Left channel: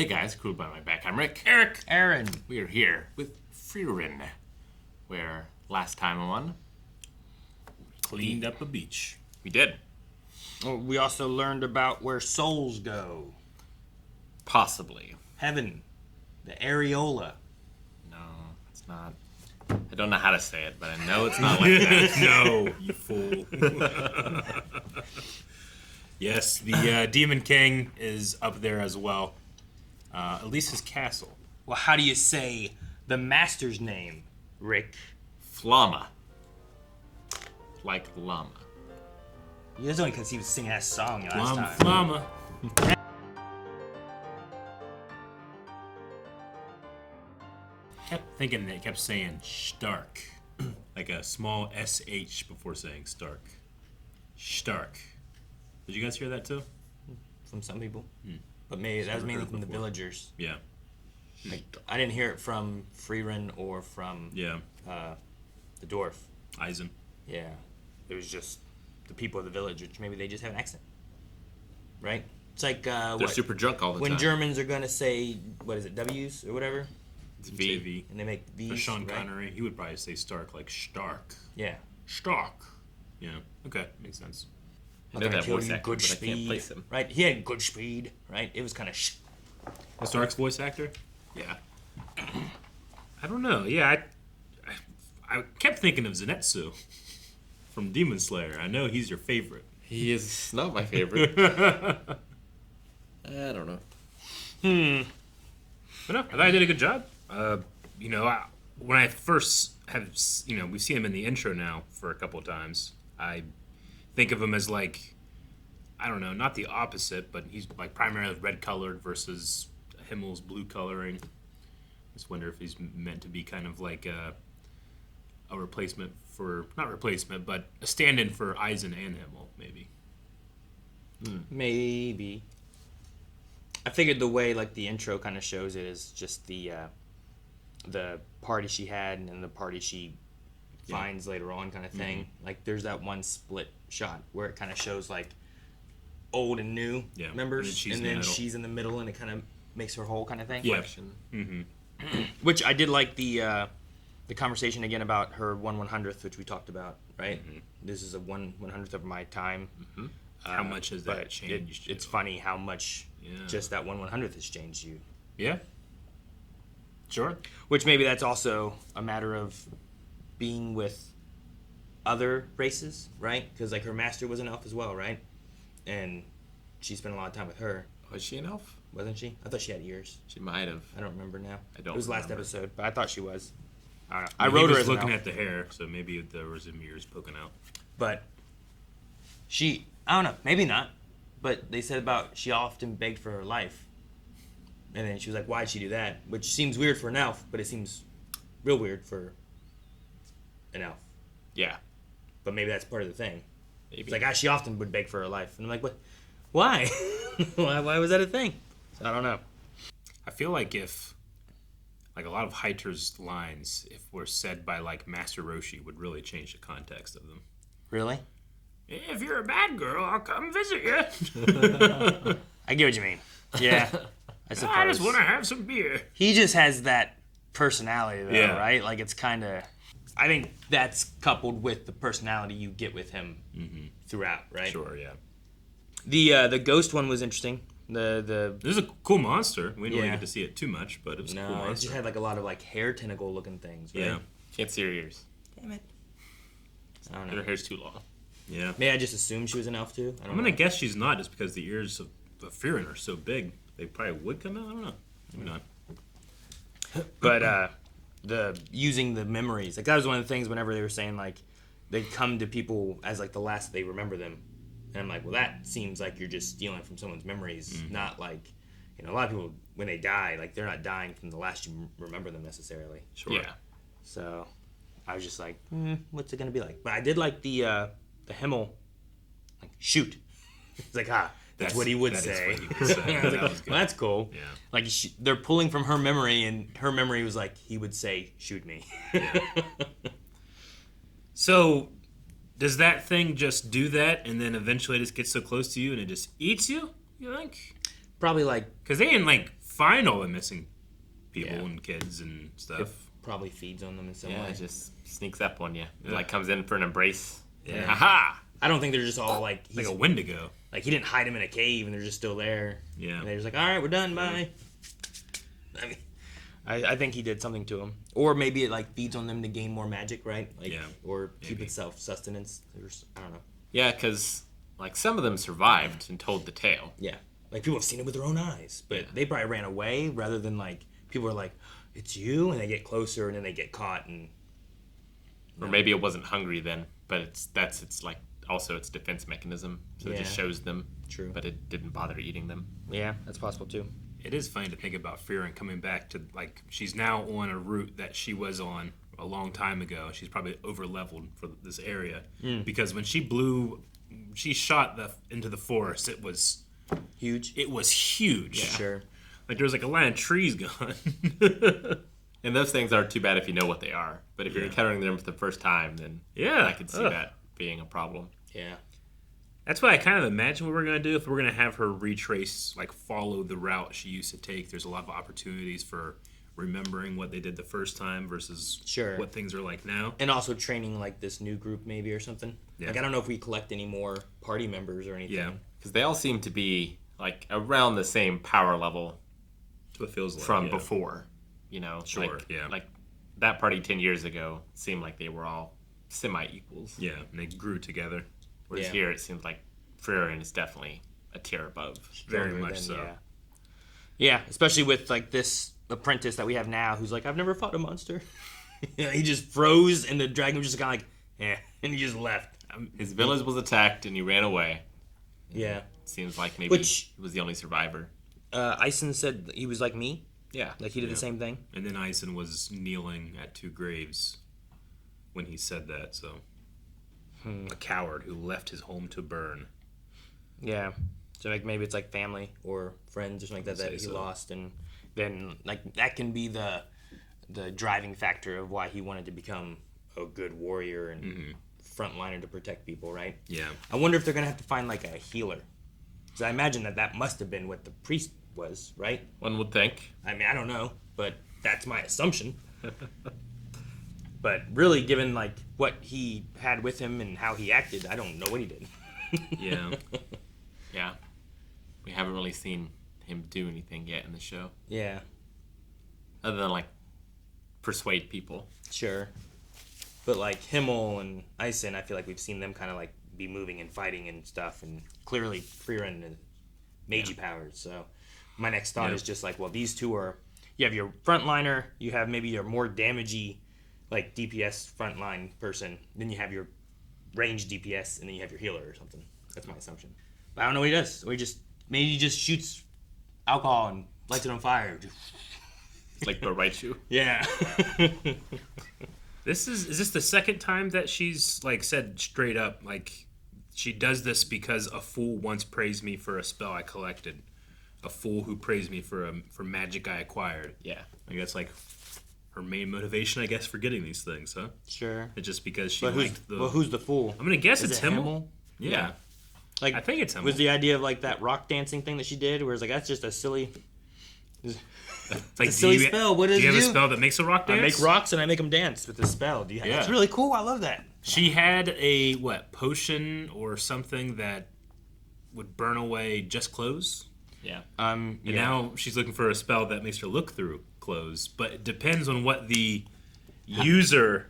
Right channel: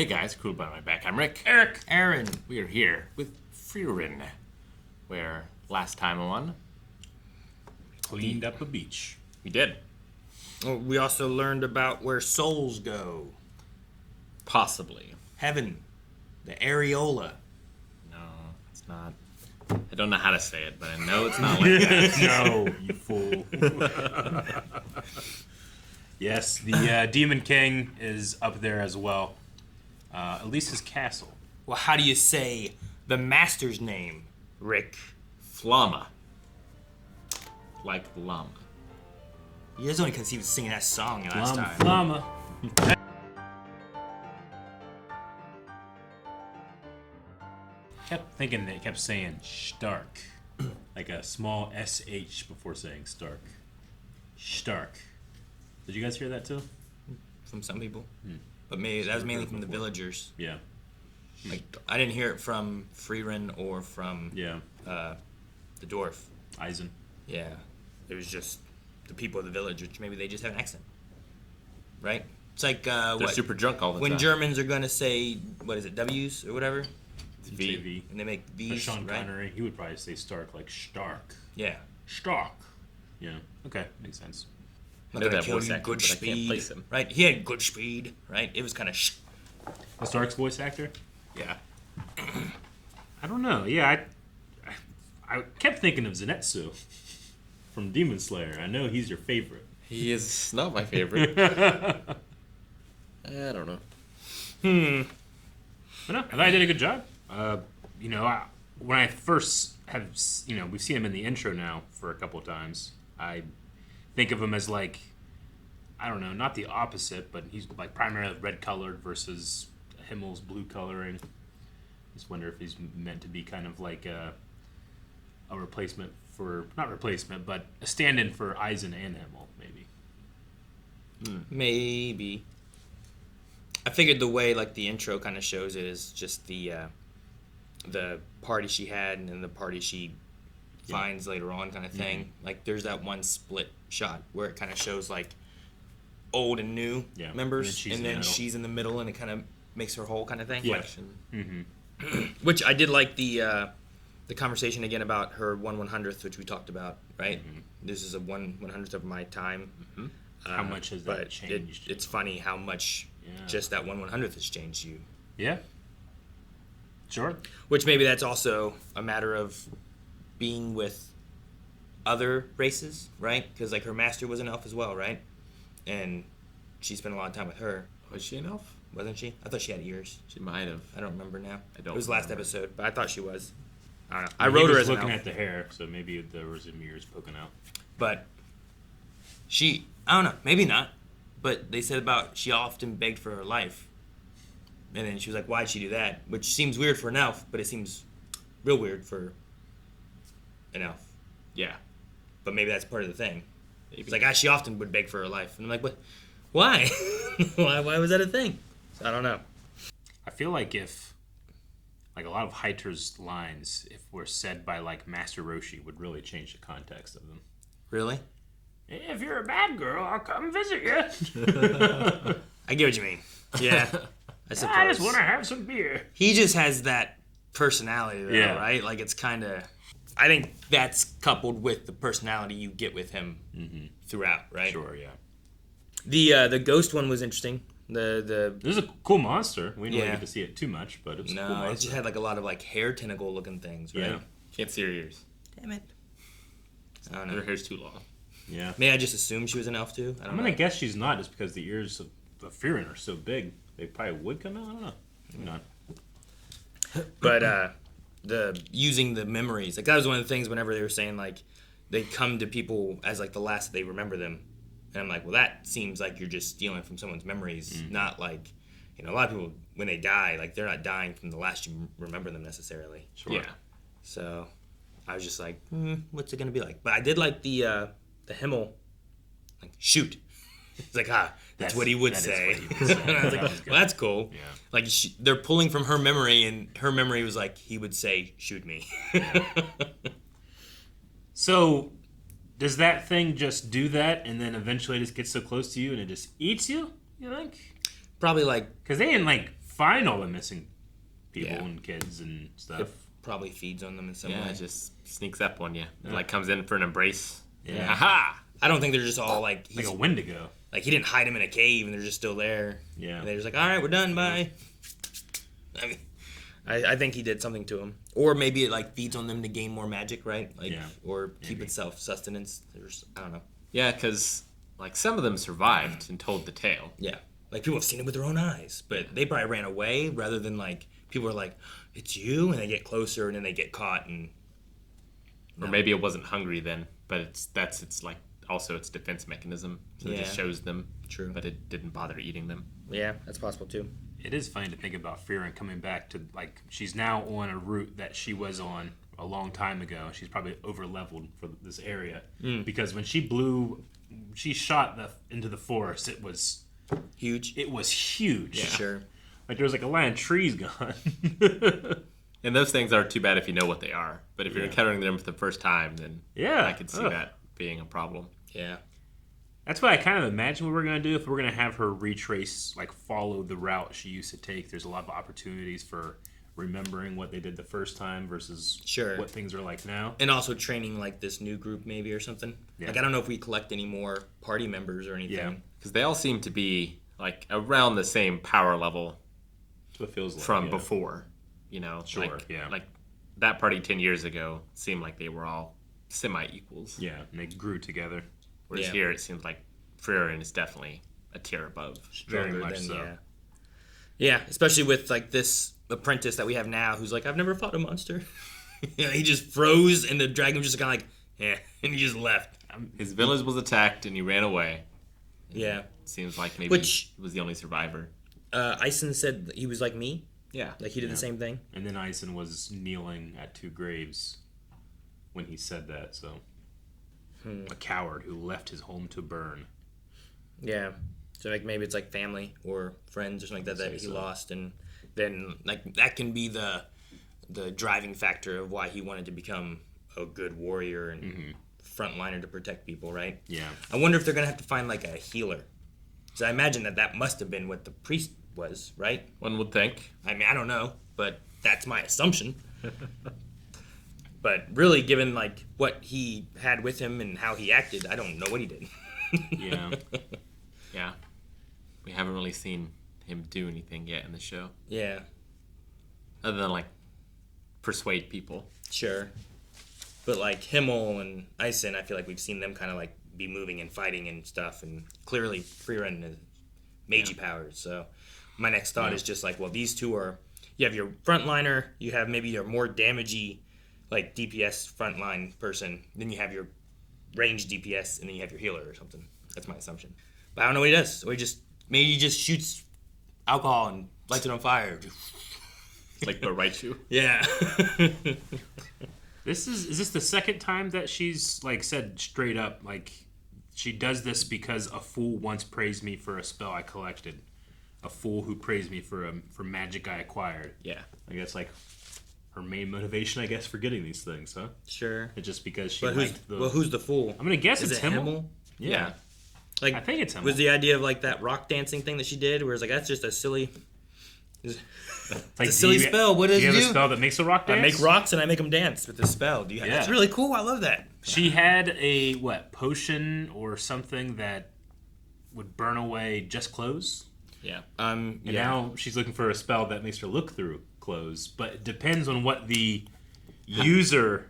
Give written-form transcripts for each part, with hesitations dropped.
Hey guys, cool by my back. I'm Rick. Eric. Aaron. We are here with Frieren, where last time on Cleaned up a beach. we did. Oh, we also learned about where souls go. Possibly. Heaven. The areola. No, it's not. I don't know how to say it, but I know it's not like that. No, you fool. Yes, the Demon King is up there as well. At least his castle. Well, how do you say the master's name, Rick? Flamme. Like llama. You guys only because he was singing that song last time. Flamme. Kept thinking they kept saying Schtark. Like a small SH before saying Stark. Schtark. Did you guys hear that too? From some people. But maybe that was mainly from the villagers. Yeah. Like, I didn't hear it from Frieren or from Yeah. the dwarf. Einsam. Yeah. It was just the people of the village, which maybe they just have an accent. Right? It's like, They're super drunk all the when time. Germans are going to say, what is it, W's or whatever? It's V. JV. And they make V's, Or Sean right? Connery, he would probably say Stark like Stark. Yeah. Stark. Yeah. Okay, makes sense. I know that Like, voice he had actor, good but I can't speed, place him. Right? He had good speed, right? It was kind of Stark's voice actor? Yeah. I don't know. Yeah, I kept thinking of Zenitsu from Demon Slayer. I know he's your favorite. He is not my favorite. I don't know. I know. I thought I did a good job. When I first have, we've seen him in the intro now for a couple of times. I think of him as like, I don't know, not the opposite, but he's like primarily red colored versus Himmel's blue coloring. Just wonder if he's meant to be kind of like a replacement for, not replacement, but a stand-in for Eisen and Himmel, maybe. maybe. I figured the way like the intro kind of shows it is just the party she had and then the party she finds later on kind of thing. Like there's that one split shot where it kind of shows like old and new members, and then she's in the middle and it kind of makes her whole kind of thing. Flexion. Which I did like the conversation again about her 1/100th, which we talked about, right? This is a 1/100th of my time. How much has that but changed? it's funny how much just that 1/100th has changed you. Yeah. Sure. Which maybe that's also a matter of being with other races, right? Because like her master was an elf as well, right? And she spent a lot of time with her, Was she an elf? wasn't she? I thought she had ears. She might have. I don't remember now. I don't It was last remember. episode, but I thought she was. I don't know. I He wrote her was as an looking elf, at the hair, so maybe there was some ears poking out. but she, I don't know, maybe not. But they said about she often begged for her life. And then she was like, why'd she do that? Which seems weird for an elf, but it seems real weird for an elf. Yeah. But maybe that's part of the thing. Maybe. It's like, she often would beg for her life. And I'm like, what? Why? why was that a thing? So I don't know. I feel like if, like a lot of Heiter's lines, if were said by like Master Roshi, would really change the context of them. Really? If you're a bad girl, I'll come visit you. I get what you mean. Yeah. I suppose. I just want to have some beer. He just has that personality, though, Yeah. right? Like, it's kind of... I think that's coupled with the personality you get with him throughout, right? Sure, yeah. The ghost one was interesting. The This is a cool monster. We didn't really Yeah. get to see it too much, but it was a cool No, it monster. just had like a lot of like hair tentacle looking things, right? Yeah. Can't see her ears. Damn it. I don't Her know. hair's too long. Yeah. May I just assume she was an elf too? I don't I'm know. going to guess she's not just because the ears of Frieren are so big. They probably would come out. I don't know. Maybe not. But the using the memories, like that was one of the things whenever they were saying like they come to people as like the last that they remember them, and I'm like, well, that seems like you're just stealing from someone's memories, not like, a lot of people when they die, like they're not dying from the last you remember them necessarily. Sure. Yeah. So I was just like, what's it gonna be like? But I did like the Himmel, like shoot. It's like that's what he would that is say. what he would say. And I was like, That was good. well, that's cool. Yeah. Like they're pulling from her memory, and her memory was like he would say, "Shoot me." So, does that thing just do that and then eventually just get so close to you and it just eats you? You think? Probably like Because they didn't like find all the missing people Yeah. and kids and stuff. Probably feeds on them in some Yeah, way. it just sneaks up on you. It like comes in for an embrace. Yeah. Aha! I don't think they're just all like Like a Wendigo. like he didn't hide them in a cave and they're just still there. Yeah. And they're just like, all right, we're done. Bye. I mean, I think he did something to them, or maybe it like feeds on them to gain more magic, right? Like, Yeah, or keep maybe. itself sustenance. I don't know. Yeah, because like some of them survived and told the tale. Yeah, like people have seen it with their own eyes, but they probably ran away rather than like people are like, it's you, and they get closer and then they get caught and. Or maybe it wasn't hungry then, but it's like also its defense mechanism. So it just Yeah. shows them. True. But it didn't bother eating them. Yeah, that's possible too. It is funny to think about Frieren coming back to, like, she's now on a route that she was on a long time ago. She's probably over-leveled for this area. Because when she shot into the forest, it was Huge. huge. Yeah. Sure. Like, there was like a line of trees gone. And those things aren't too bad if you know what they are. But if you're Yeah. encountering them for the first time, then Yeah. I could see that being a problem. Yeah. That's what I kind of imagine what we're going to do if we're going to have her retrace, like follow the route she used to take. There's a lot of opportunities for remembering what they did the first time versus Sure. what things are like now. And also training like this new group maybe or something. Yeah. Like I don't know if we collect any more party members or anything. Yeah. Because they all seem to be like around the same power level That's what it feels like. from yeah. before. You know? Sure, like, yeah. Like that party 10 years ago seemed like they were all semi-equals. Yeah, and they grew together. Whereas Yeah. here it seems like Frieren is definitely a tier above. Very Stronger much than- so. Yeah. Yeah, especially with like this apprentice that we have now who's like, I've never fought a monster. You know, he just froze and the dragon was just kind of like, eh, and he just left. His village was attacked and he ran away. Yeah. Seems like maybe Which- he was the only survivor. Einsam said that he was like me. Yeah. Like he did the same thing. And then Eisen was kneeling at 2 graves when he said that, so. A coward who left his home to burn. Yeah. So like maybe it's like family or friends or something like that I'd that say he so. lost, and then like that can be the driving factor of why he wanted to become a good warrior and frontliner to protect people, right? Yeah. I wonder if they're gonna have to find like a healer. So I imagine that must have been what the priest was, right? One would think. I mean, I don't know, but that's my assumption. But really, given like what he had with him and how he acted, I don't know what he did. Yeah. Yeah. We haven't really seen him do anything yet in the show. Yeah, Other than like persuade people. sure. But like Himmel and Eisen, I feel like we've seen them kind of like be moving and fighting and stuff, and clearly Frieren has magey powers. So my next thought is just like, well, these two are. You have your frontliner, you have maybe your more damagey, like DPS frontline person. Then you have your range DPS, and then you have your healer or something. That's my assumption. But I don't know what he does. Or maybe he just shoots alcohol and lights it on fire. Like but right shoe. Yeah. Is this the second time that she's like said straight up like she does this because a fool once praised me for a spell I collected, a fool who praised me for magic I acquired. Yeah. I guess like her main motivation, I guess, for getting these things, huh? Sure. It's just because she But liked the. who's the fool? I'm gonna guess Is it's it Himmel. Himmel? Yeah. Like, I think it's Himmel. was the idea of like that rock dancing thing that she did, where it's like that's just a silly, It's like, a silly spell. What does do you it have a do? spell that makes a rock I dance? make rocks and I make them dance with this spell. Do you? Yeah. It's really cool. I love that. She had a potion or something that would burn away just clothes. Yeah. And now she's looking for a spell that makes her look through clothes, but it depends on what the user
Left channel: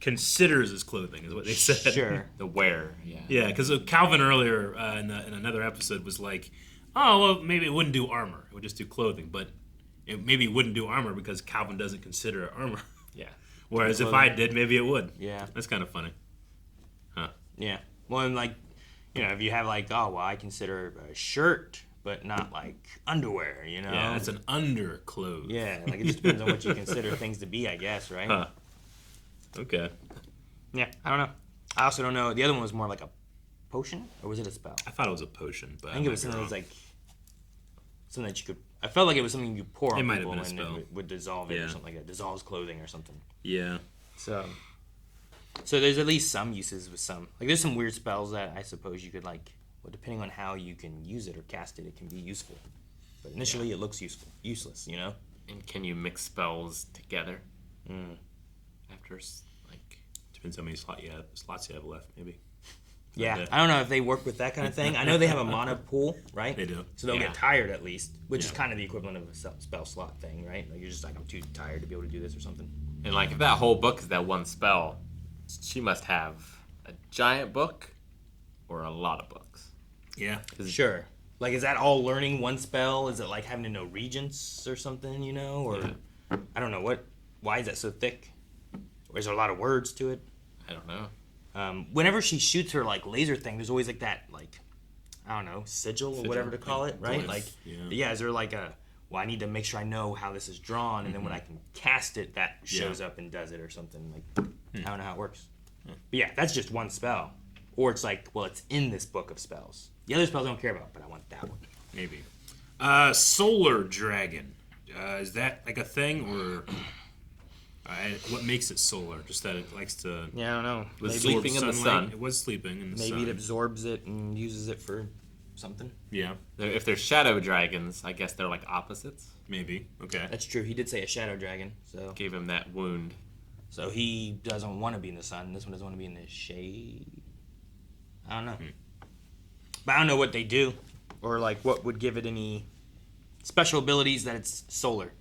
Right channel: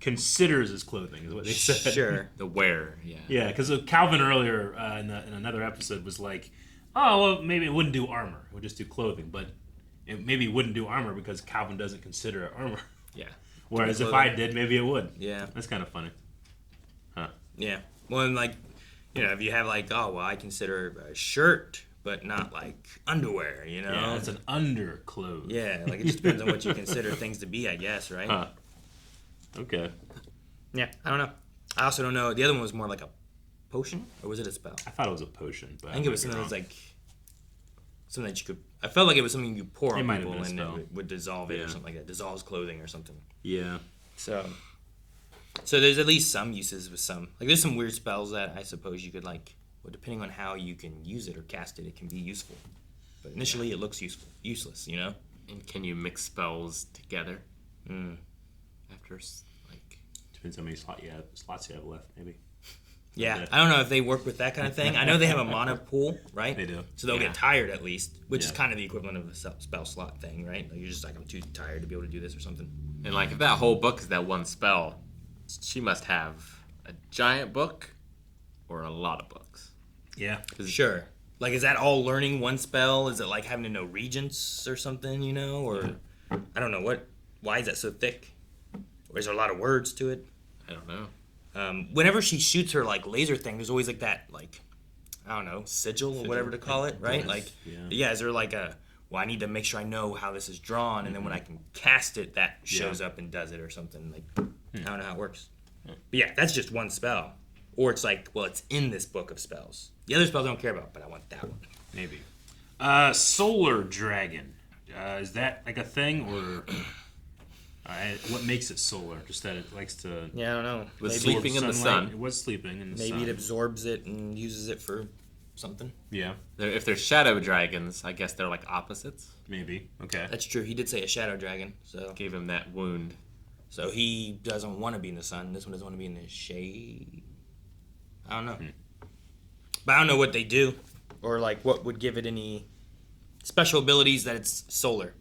considers as clothing, is what they said. Sure. The wear. Yeah. Yeah, because Calvin earlier in another episode was like, oh, well, maybe it wouldn't do armor. It would just do clothing, but maybe it wouldn't do armor because Calvin doesn't consider it armor. Yeah. Whereas if I did, maybe it would. Yeah. That's kind of funny. Yeah. Well, and like, if you have like, oh, well, I consider a shirt, but not like underwear. Yeah, it's an underclothes. Yeah, like it just depends on what you consider things to be, I guess, right? Huh. Okay. Yeah, I don't know. I also don't know. The other one was more like a potion, or was it a spell? I thought it was a potion, but I think it was something that was like something that you could. I felt like it was something you pour on It might have people been a and spell. it would dissolve it Yeah. or something like that. Dissolves clothing or something. Yeah. So there's at least some uses with some. Like there's some weird spells that I suppose you could like. Well, depending on how you can use it or cast it, it can be useful. But initially, it looks useless, you know? And can you mix spells together? After, like... Depends how many slots you have left, maybe. Yeah, I don't know if they work with that kind of thing. I know they have a mana pool, right? They do. So they'll get tired at least, which is kind of the equivalent of a spell slot thing, right? Like you're just like, I'm too tired to be able to do this or something. And, like, if that whole book is that one spell, she must have a giant book or a lot of books. Yeah. Sure. Like, is that all learning one spell? Is it like having to know regents or something, you know? Or, I don't know, why is that so thick? Or is there a lot of words to it? I don't know. Whenever she shoots her, like, laser thing, there's always, like, that, like, I don't know, sigil or whatever to call it, right? Like, yeah, is there, like, well, I need to make sure I know how this is drawn, and then when I can cast it, that shows up and does it or something. Like, I don't know how it works. But yeah, that's just one spell. Or it's like, well, it's in this book of spells. The other spells I don't care about, but I want that one. Maybe. Solar Dragon. Is that like a thing, or what makes it solar? Just that it likes to... Yeah, I don't know. Was sleeping in the sun. It was sleeping in the sun. Maybe it absorbs it and uses it for something. Yeah. If they're shadow dragons, I guess they're like opposites. Maybe. Okay. That's true. He did say a shadow dragon, so... Gave him that wound. So he doesn't want to be in the sun. This one doesn't want to be in the shade. I don't know. But I don't know what they do. Or, like, what would give it any special abilities that it's solar.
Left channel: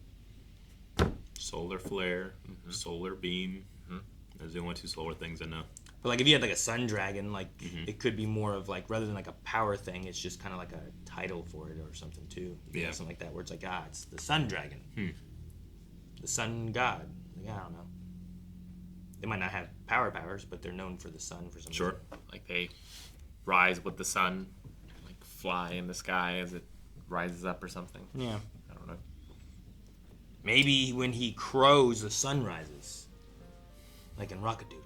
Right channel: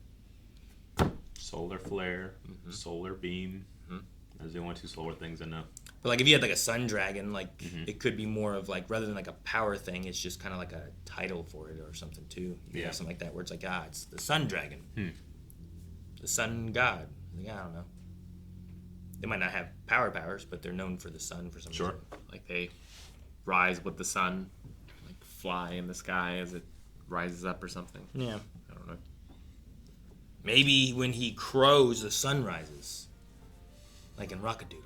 Solar flare, solar beam. Those are the only two solar things I know. But, like, if you had, like, a sun dragon, like, it could be more of, like, rather than, like, a power thing, it's just kind of like a title for it or something, too. You know, something like that, where it's like, it's the sun dragon. The sun god. Like, I don't know. They might not have powers, but they're known for the sun for some reason. Like they rise with the sun, like fly in the sky as it rises up or something. Yeah. I don't know. Maybe when he crows, the sun rises. Like in Rockadoodle.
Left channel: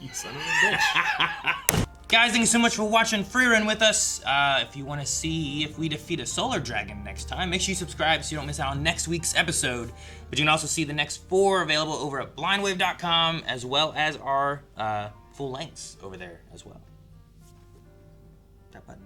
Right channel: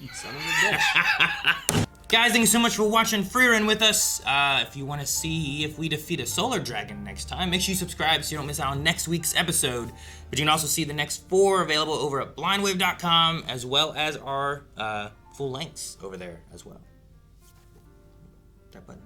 You son of a bitch. Guys, thank you so much for watching Frieren with us. If you want to see if we defeat a solar dragon next time, make sure you subscribe so you don't miss out on next week's episode. But you can also see the next 4 available over at blindwave.com, as well as our full lengths over there as well. That button.